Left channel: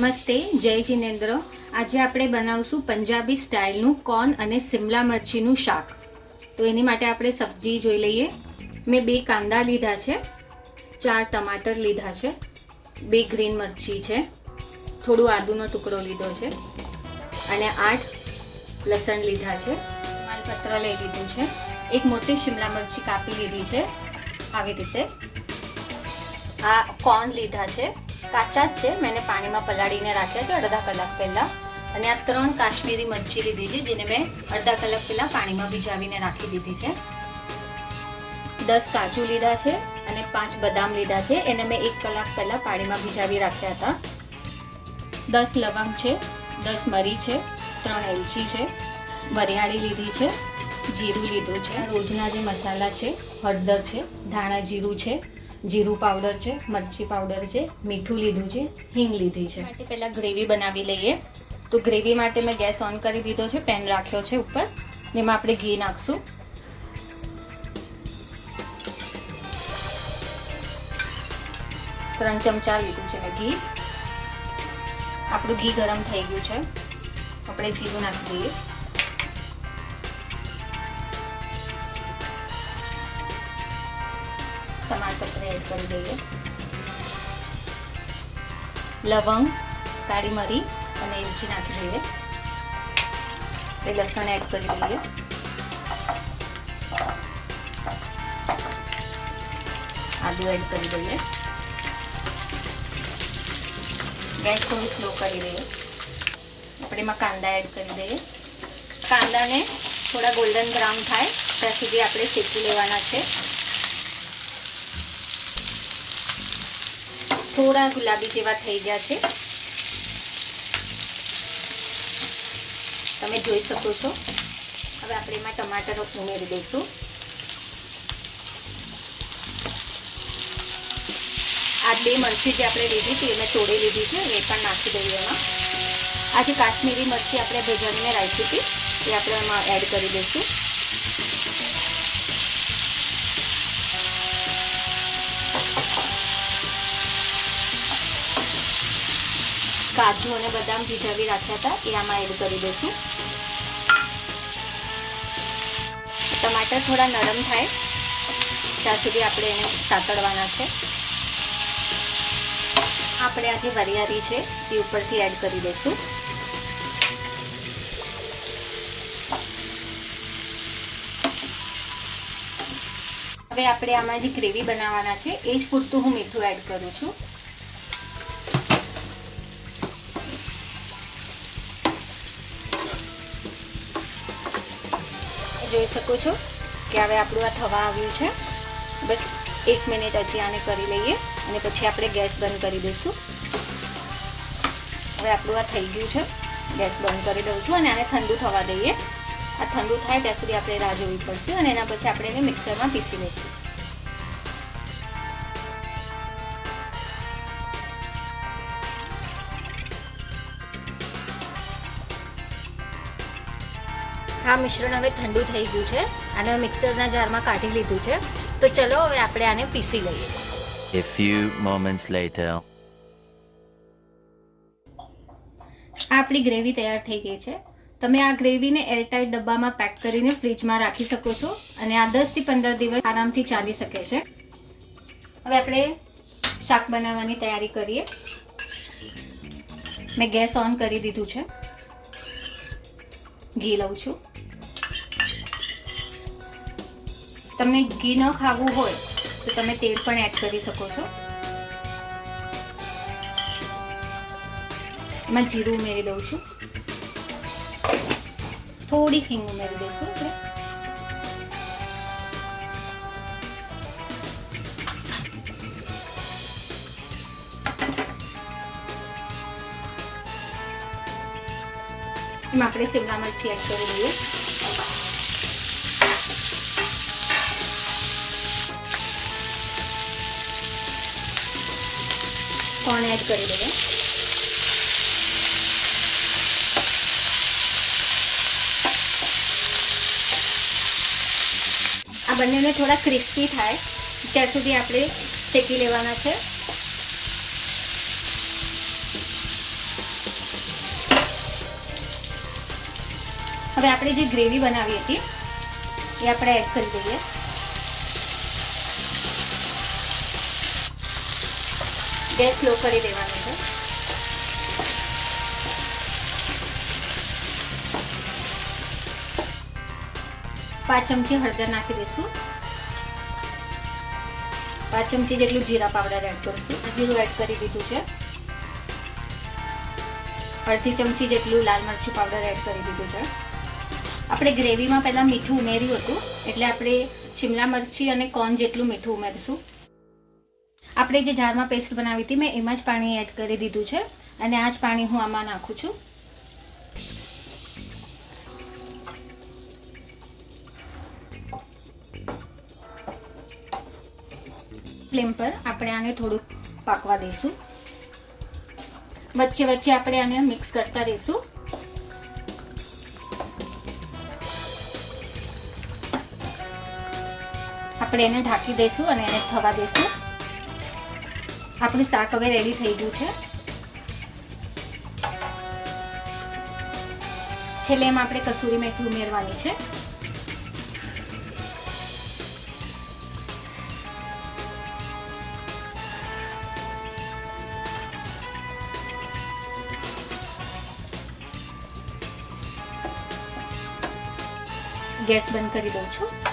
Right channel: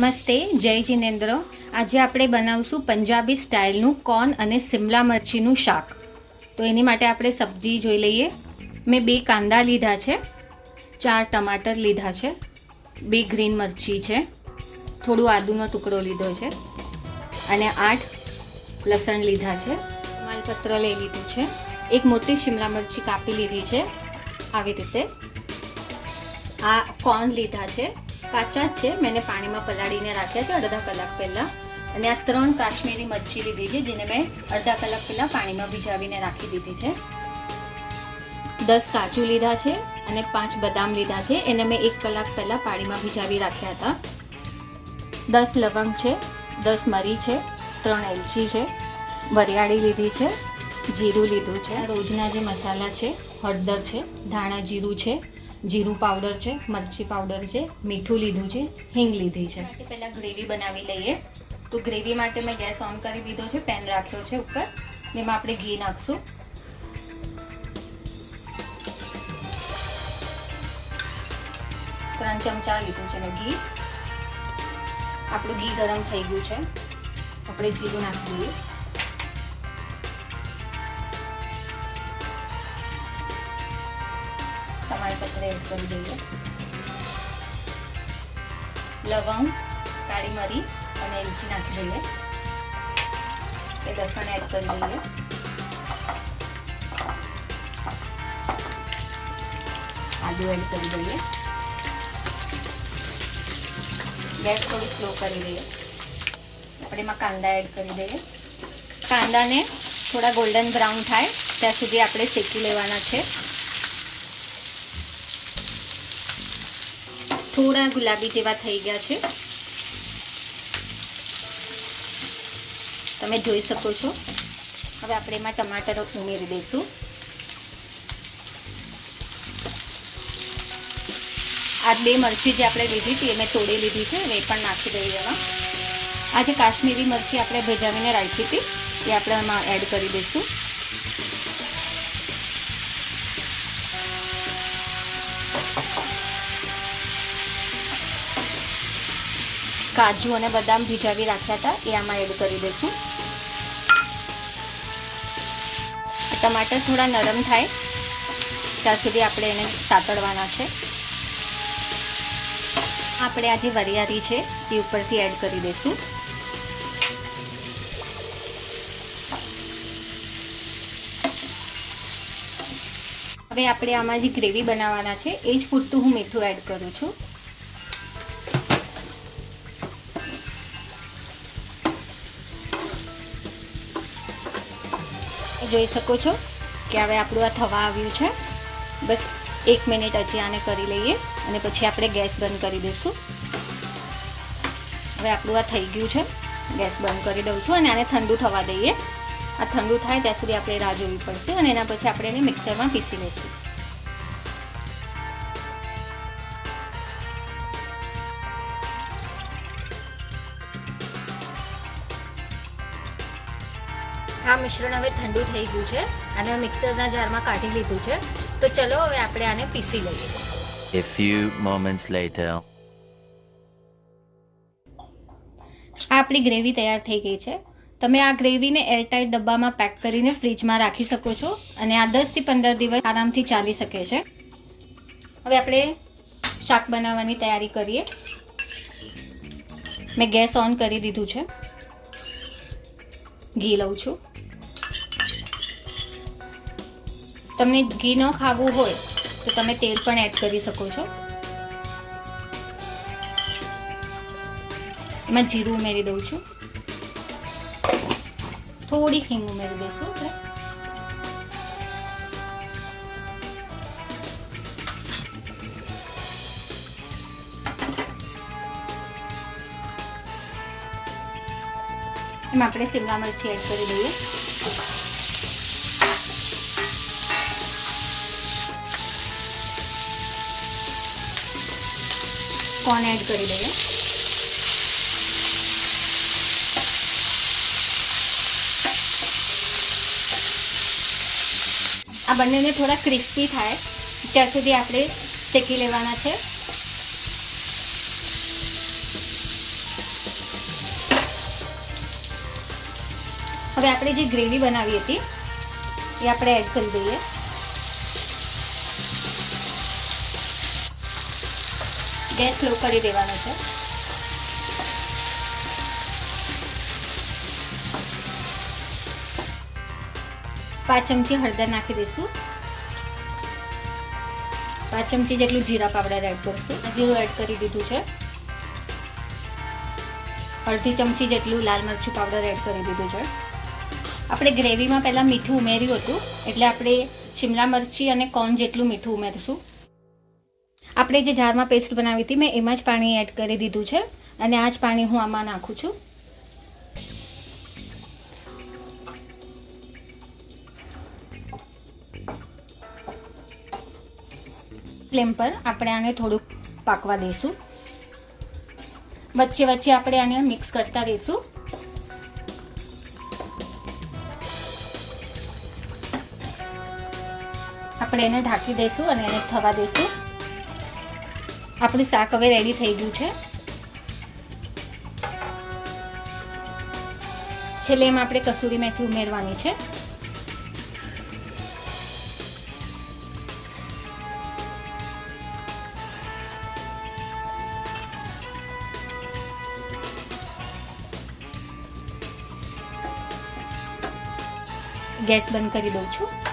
નમસ્તે, જય જિનેન્દ્ર। આજે આપણે બનાવશું પંજાબી સ્ટાઇલનું કોર્ન અને શિમલા મરચીનું શાક। તો એની માટે આપણે સબ્જી જોઈ લઈએ। મેં 2 કાંદા લીધા છે, 4 ટમાટર લીધા છે, 2 ગ્રીન મરચી છે, થોડું આદુનો ટુકડો લીધો છે અને 8 લસણ લીધા છે, માલપત્ર લઈ લીધું છે, એક મોટી શિમલા મરચી કાપી લીધી છે આવી રીતે। આ કોર્ન લીધા છે, કાચા જ છે, મેં પાણીમાં પલાળીને રાખ્યા છે અડધા કલાક પહેલા। અને આ 3 કાશ્મીરી મરચી લીધી છે, જેને મેં અડધા કલાક પહેલા પાણીમાં ભીજાવીને રાખી દીધી છે। 10 કાજુ લીધા છે અને 5 બદામ લીધા છે, એને મેં 1 કલાક પહેલા પાણીમાં ભીજાવી રાખ્યા હતા। 10 લવંગ છે, 10 મરી છે, 3 એલચી છે, વરિયાળી લીધી છે, જીરું લીધું છે, રોજના જે મસાલા છે, હળદર છે, ધાણા જીરું છે, જીરું પાવડર છે, મરચી પાવડર છે, મીઠું લીધું છે, હિંગ લીધી છે। માટે પહેલા ગ્રેવી બનાવી લઈએ। તો ગ્રેવી માટે મેં ગેસ ઓન કરી દીધો છે, પેન રાખ્યો છે ઉપર, એમાં આપણે ઘી નાખશું। 3 ચમચા લીધું છે મેં ઘી। આપણું ઘી ગરમ થઈ ગયું છે, આપણે જીરું નાખી દઈએ। टमाटर एड कर दीजिए, लवंग, काली मरी और एलची नाखी दीजिए, लसण एड कर दीजिए, आदू एड कर दीजिए, गैस थोड़ी स्लो कर दीजिए। अपने में कांदा एड कर दीजिए। कांदा ने थोड़ा गोल्डन ब्राउन थाय त्यां सुधी आपणे शेकी लेवाना छे। थोड़ा गुलाबी जेवा थई गया छे, तमे जोई शको छो। हवे आपणे एमां टमाटर उमेरी दईशुं। आ 2 मरची जे आपणे लीधी हती एने तोड़ी लीधी छे, ए पण नाखी दઈએ एमां। आ जे काश्मीरी मरची आपणे भेजावीने राखी हती ए आपणे एमां एड करी दईशुं। काजू और बदाम भीजावी राख्या था ए आमां एड करी दईशुं। टमाटर थोड़ा नरम थाय त्यां सुधी आपणे एने सातळवाना छे। आपणे आ जे वरियाળી छे ए उपरथी एड करी दईशुं। हवे आपणे आमां जे ग्रेवी बनाववाना छे ए ज पूरतुं हुं मीठुं एड करूं छुं। જોઈ શકો છો કે હવે આપણું આ થવા આવ્યું છે। બસ 1 મિનિટ હજી આને કરી લઈએ અને પછી આપણે ગેસ બંધ કરી દઈશું। હવે આપણું આ થઈ ગયું છે, ગેસ બંધ કરી દઉં છું અને આને ઠંડુ થવા દઈએ। આ ઠંડુ થાય ત્યાં સુધી આપણે રાહ જોવી પડશે અને એના પછી આપણે એને મિક્સરમાં પીસી લઈશું। आ मिश्रण हवे ठंडू थई गयुं छे अने मिक्सरना जारमां काढी लीधुं छे। तो चलो हवे आपणे आने पीसी लईए। A few moments later. आपणी ग्रेवी तैयार थई गई छे। तमे आ ग्रेवीने एरटाइट डब्बामां पेक करीने फ्रीजमां राखी शको छो अने आ 10 થી 15 દિવસ आरामथी चाली शके छे। हवे आपणे शाक बनाववानी तैयारी करीए। मैं गैस ऑन करी दीधुं छे। घी लઉં છું। તમને ઘી ન ખાવું હોય તો તમે તેલ પણ એડ કરી શકો છો। એમાં જીરું ઉમેરી દઉં છું, થોડી હિંગ ઉમેરી દઈશું આપણે। એમાં આપણે શિમલા મરચી એડ કરી દઈએ। કોર્ન એડ કરી દઈએ। આ બંનેને થોડા ક્રિસ્પી થાય ત્યાર સુધી આપણે શેકી લેવાના છે। હવે આપણે જે ગ્રેવી બનાવી હતી એ આપણે એડ કરી દઈએ. ગેસ સ્લો કરી દેવાનો છે. પાંચ ચમચી હળદર નાખી દઈશું. 5 ચમચી જેટલું જીરા પાવડર એડ કરીશું. જીરું એડ કરી દીધું છે. અડધી ચમચી જેટલું લાલ મરચું પાવડર એડ કરી દીધું છે. આપણે ગ્રેવીમાં પહેલાં મીઠું ઉમેર્યું હતું એટલે આપણે શિમલા મરચી અને કોર્ન જેટલું મીઠું ઉમેરશું. આપણે જે જારમાં પેસ્ટ બનાવી હતી મેં એમાં જ પાણી એડ કરી દીધું છે અને આ જ પાણી હું આમાં નાખું છું. ફ્લેમ પર આપણે આને થોડુંક પાકવા દઈશું. વચ્ચે વચ્ચે આપણે આને મિક્સ કરતા રહીશું. આપણે એને ઢાંકી દઈશું અને એને થવા દઈશું. આપણું શાક હવે રેડી થઈ ગયું છે. છેલ્લે એમાં આપણે કસૂરી મેથી ઉમેરવાની છે. ગેસ બંધ કરી દઉં છું.